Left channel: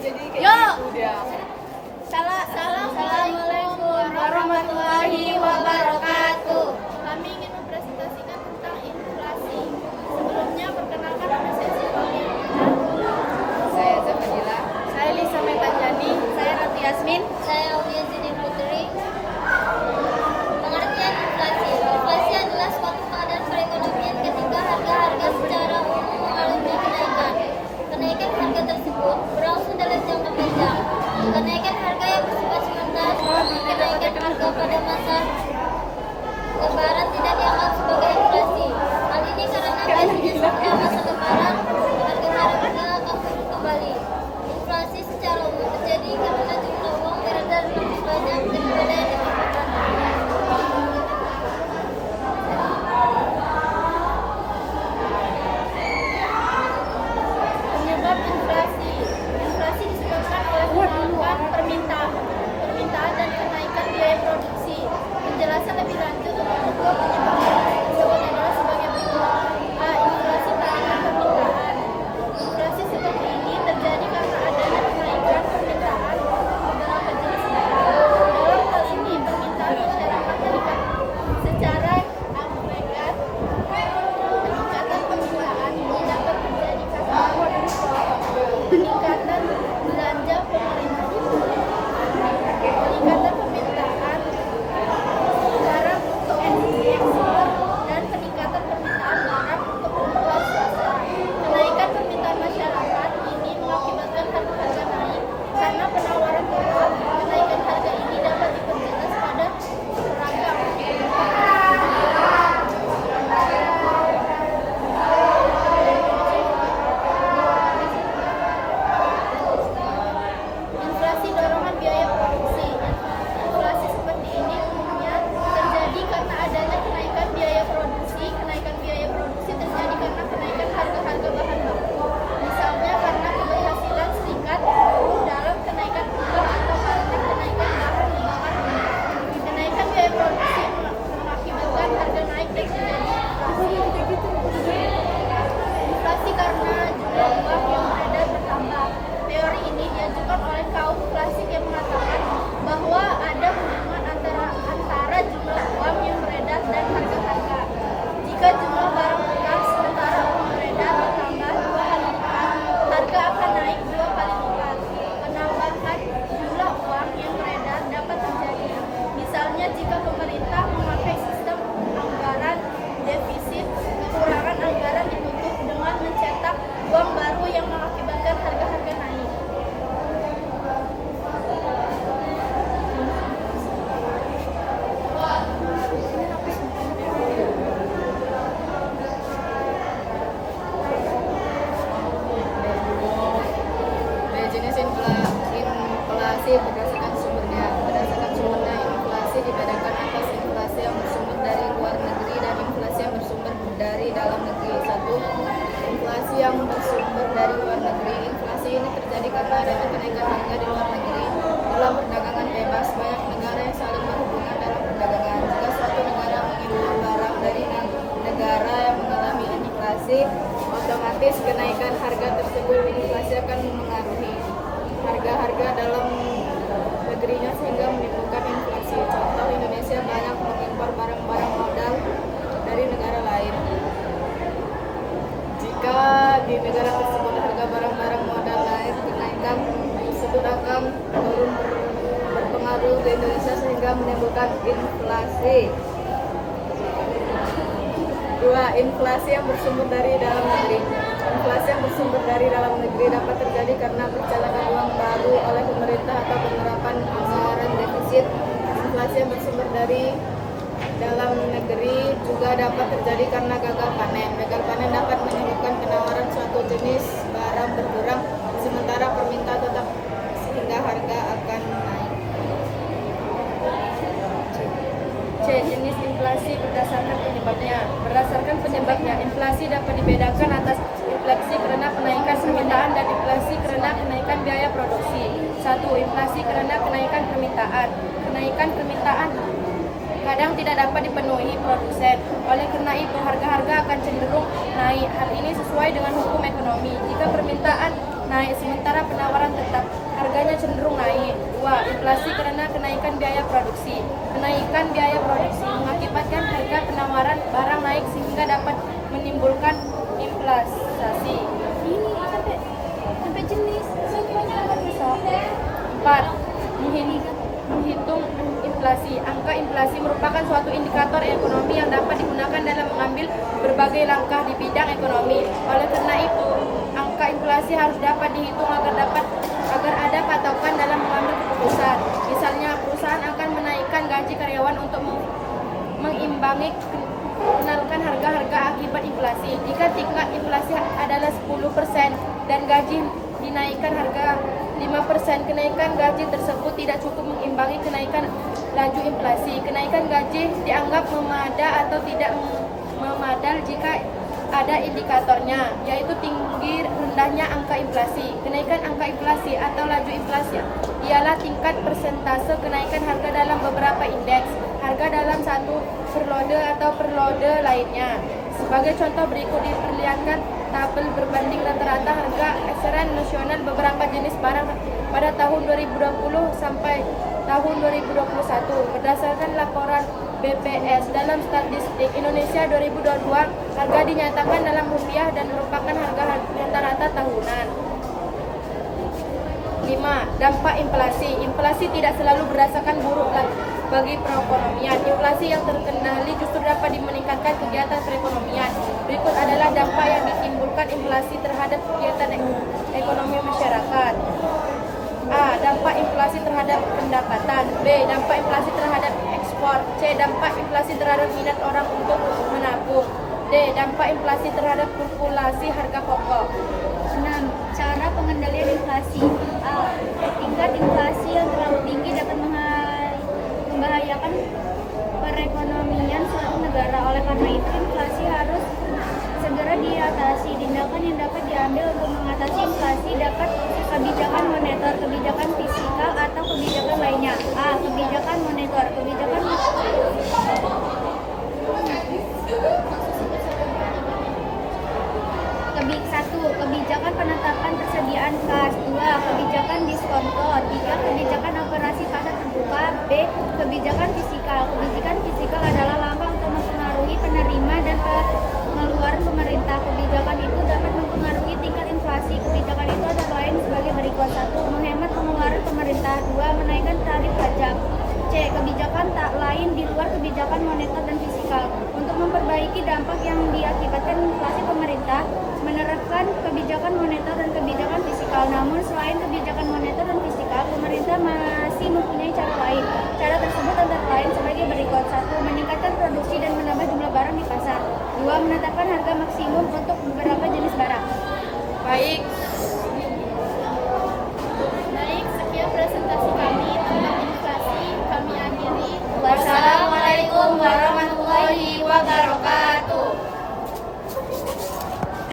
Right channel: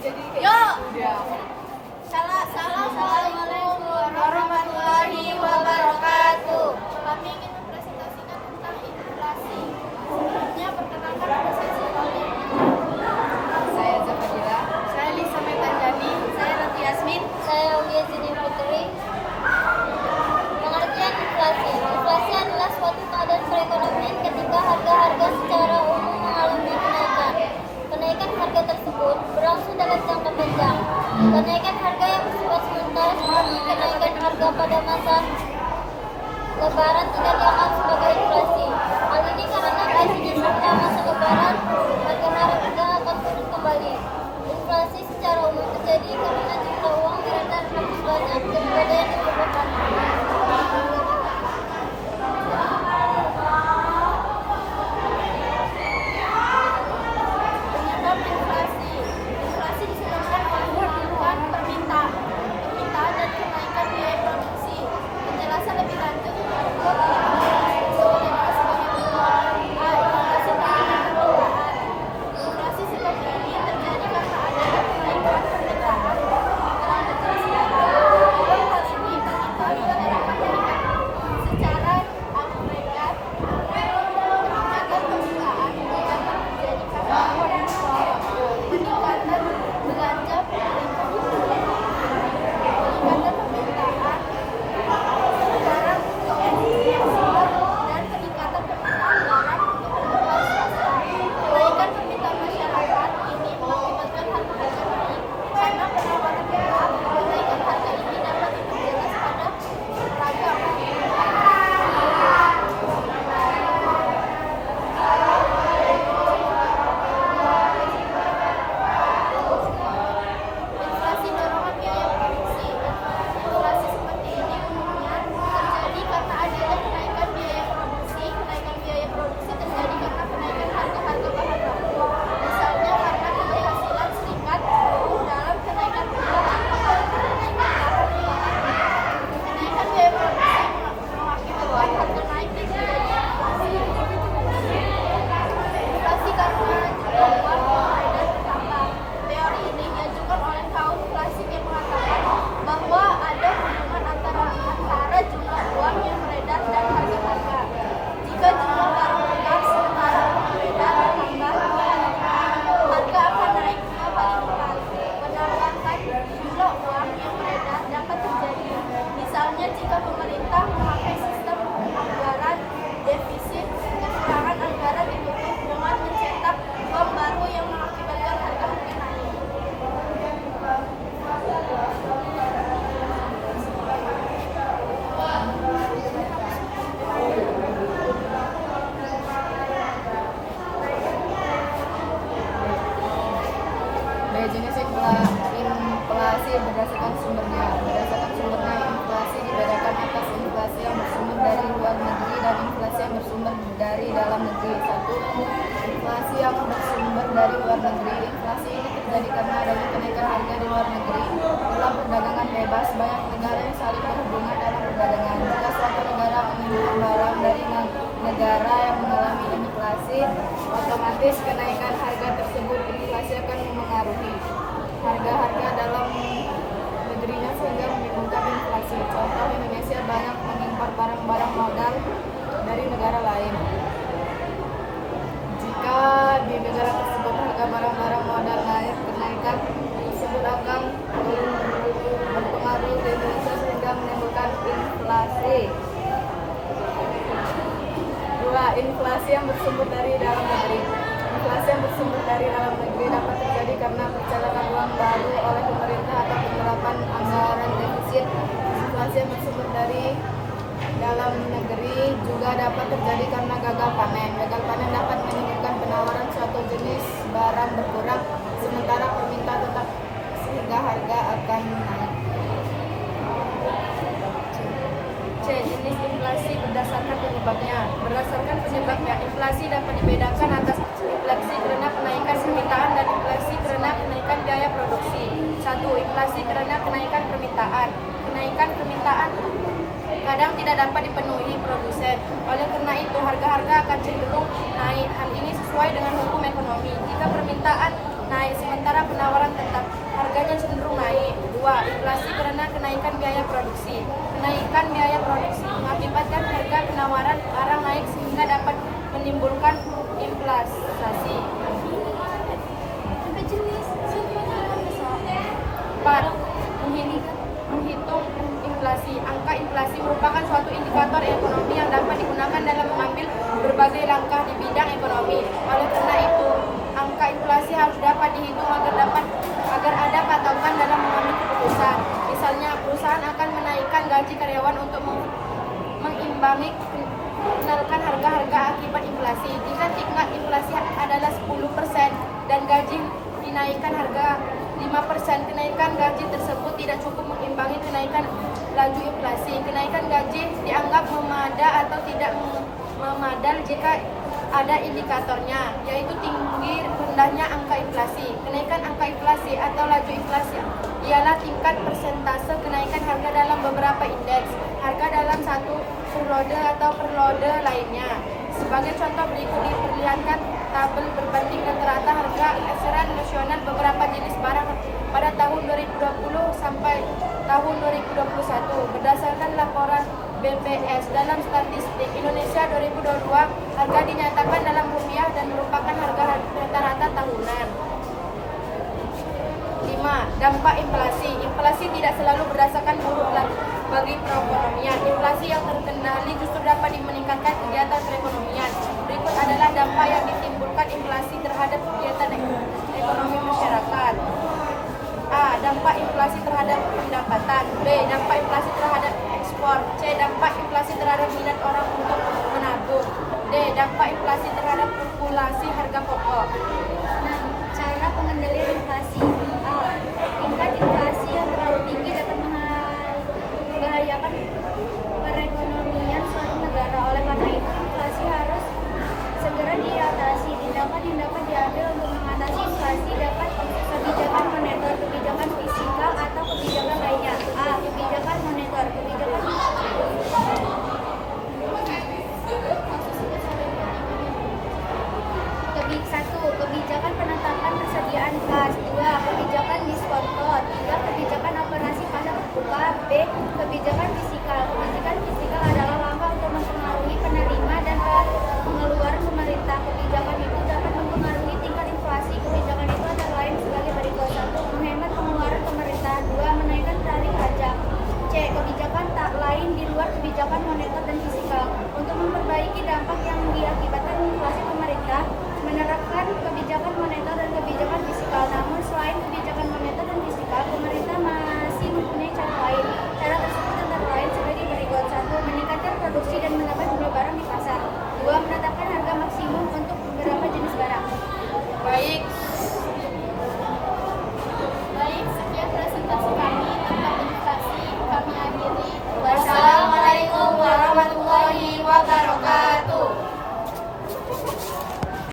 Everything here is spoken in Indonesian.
jadi kayak gitu dia. Assalamualaikum warahmatullahi wabarakatuh. Kami ingin mempresentasikan tentang inflasi. Sebelumnya perkenalkan nama saya Siti. Saya Zafadila. Saya Lisa Metanjani. Saya Nanti Yasmin. Saya Uya Zini Putri. Pengertian inflasi. Inflasi adalah suatu keadaan perekonomian ketika harga-harga secara umum mengalami kenaikan. Kenaikan harga tersebut berlangsung dalam jangka panjang. Kenaikan harga yang bersifat sementara seperti kenaikan harga pada masa Lebaran tidak dianggap sebagai inflasi. Hal ini karena pada masa Lebaran harga-harga akan turun kembali. Inflasi secara umum terjadi karena jumlah uang beredar lebih banyak daripada yang diperlukan. Penyebab inflasi. Inflasi disebabkan oleh kenaikan permintaan dan kenaikan biaya produksi. Penjelasan lebih lanjut untuk kedua penyebab inflasi adalah sebagai berikut. A. Inflasi tahunan permintaan. Inflasi seperti ini terjadi karena adanya kenaikan permintaan dalam majelis barang. Dalam hal ini permintaan masyarakat meningkat secara agregat. Peningkatan permintaan dapat terjadi karena peningkatan belanja pemerintah, peningkatan permintaan barang untuk ekspor, dan peningkatan permintaan barang untuk kebutuhan swasta. Kenaikan permintaan masyarakat ini mengakibatkan harga naik karena penawaran kuat. Kenaikan harga ini dapat diperjelas pada beragam. Inflasi dorongan biaya produksi. Inflasi seperti ini umumnya terjadi karena adanya kenaikan biaya produksi. Kenaikan biaya produksi terjadi karena kenaikan harga-harga bahan baku. Misalnya karena keberhasilan serikat dalam kenaikan impor atau karena kenaikan bahan baku. Kenaikan biaya produksi mengakibatkan harga naik dan terjadi inflasi. Inflasi karena jumlah uang yang beredar bertambah. Teori ini diajukan oleh kaum klasik yang mengatakan bahwa ada hubungan antara jumlah uang yang beredar dan harga-harga. Jika jumlah barang bekas sementara uang beredar bertambah 2 kali lipat, harga akan naik 2 kali lipat. Penambahan jumlah uang yang beredar dapat terjadi. Misalnya jika pemerintah memakai sistem anggaran defisit, kekurangan anggaran ditutup dengan mencetak uang baru yang mengakibatkan harga-harga naik. B. Jenis inflasi berdasarkan sumbernya. Berdasarkan sumbernya, inflasi dibedakan atas inflasi yang bersumber dari luar negeri dan inflasi yang bersumber dari dalam negeri. 1. Inflasi yang bersumber dari luar negeri. Inflasi ini terjadi karena adanya kenaikan harga di luar negeri. Dalam perdagangan bebas, banyak negara yang saling berhubungan dalam perdagangan. Jika suatu negara mengimpor barang dari negara yang mengalami inflasi, otomatis kenaikan harga tersebut inflasi akan mengaruhi harga-harga dalam negerinya sehingga menimbulkan inflasi. Contoh, Indonesia banyak mengimpor barang-barang modal dari negara lain. Jika di negara tersebut harga barang-barang modal naik, kenaikan tersebut akan turun berpengaruh di Indonesia sehingga menimbulkan inflasi. 2. Inflasi yang bersumber dari dalam negeri. Inflasi yang bersumber dari dalam negeri dapat terjadi karena percetakan uang baru oleh pemerintah atau penerapan anggaran defisit. Inflasi yang bersumber dari dalam negeri juga dapat terjadi karena gagal panen. Gagal panen dapat menyebabkan penawaran suatu jenis barang berkurang sementara permintaan tetap sehingga harga akan naik. C. Jenis inflasi berdasarkan penyebabnya. Berdasarkan penyebabnya, inflasi dapat dibedakan atas inflasi karena kenaikan permintaan dan inflasi karena kenaikan biaya produksi. 1. Inflasi karena kenaikan permintaan. Kenaikan permintaan kadang tidak dapat dipenuhi produsen. Oleh karena itu, harga-harga akan cenderung naik. Hal ini sesuai dengan hukum ekonomi. Jika permintaan naik sementara penawaran tetap inflasi. Kenaikan biaya produksi mengakibatkan harga penawaran barang naik sehingga dapat menimbulkan inflasi. Sampai jenis, semuanya akan besok. 4. Menghitung inflasi. Angka inflasi merupakan suatu indikator ekonomi yang dapat digunakan dalam mengambil berbagai langkah di bidang ekonomi. Oleh karena itu, angka inflasi harus dapat dihitung agar ada patokan dalam mengambil keputusan. Misalnya, perusahaan akan menaikkan gaji karyawan untuk mengimbangi kenaikan harga-harga akibat inflasi. Jika tingkat inflasi adalah 10% dan gaji dinaikkan harga 5%, kenaikan gaji tersebut tidak cukup mengimbangi kenaikan laju inflasi. Kenaikan gaji dianggap memada atau tidak memadal jika ada indikatornya, yaitu tinggi rendahnya angka inflasi. Kenaikan angka inflasi atau laju inflasi ialah tingkat persentase kenaikan harga dalam beberapa indeks harga dalam satu periode atau periode lainnya. Sebagai contoh berikut diperlihatkan tabel berbanding rata-rata harga eceran nasional beberapa jenis barang pada tahun 2020 sampai tahun 2021 berdasarkan laporan BPS. Dalam statistik Indonesia 2022, harga dinyatakan dalam rupiah dan merupakan harga rata-rata tahunan. 5. Dampak inflasi. Inflasi tidak selalu berdasarkan buruk bagi perekonomian. Inflasi yang terkendali justru dapat meningkatkan kegiatan perekonomian. Berikut adalah dampak yang ditimbulkan inflasi terhadap kegiatan ekonomi masyarakat. A. Dampak inflasi terhadap pendapatan. B. Dampak inflasi terhadap ekspor. C. Dampak inflasi terhadap minat orang untuk menabung. D. Dampak inflasi terhadap populasi harga pokok. 6. Cara pengendalian inflasi. A. Tingkat inflasi yang terlalu tinggi dapat membahayakan perekonomian suatu negara. Oleh karena itu, inflasi harus segera diatasi. Tindakan yang dapat diambil untuk mengatasi inflasi dapat kebijakan moneter, kebijakan fiskal, atau kebijakan lainnya. A. Kebijakan moneter. Kebijakan penetapan persediaan kas. 2. Kebijakan diskonto. 3. Kebijakan operasi pasar terbuka. B. Kebijakan fiskal. Kebijakan fiskal adalah langkah untuk mempengaruhi penerima dan pengeluaran pemerintah. Kebijakan itu dapat mempengaruhi tingkat inflasi. Kebijakan itu antara lain sebagai berikut. 1. Menghemat pengeluaran pemerintah. 2. Menaikkan tarif pajak. C. Kebijakan tak lain di luar kebijakan moneter dan fiskal. Untuk memperbaiki dampak yang diakibatkan inflasi, pemerintah menerapkan kebijakan moneter dan kebijakan fiskal. Namun selain kebijakan moneter dan fiskal, pemerintah masih mempunyai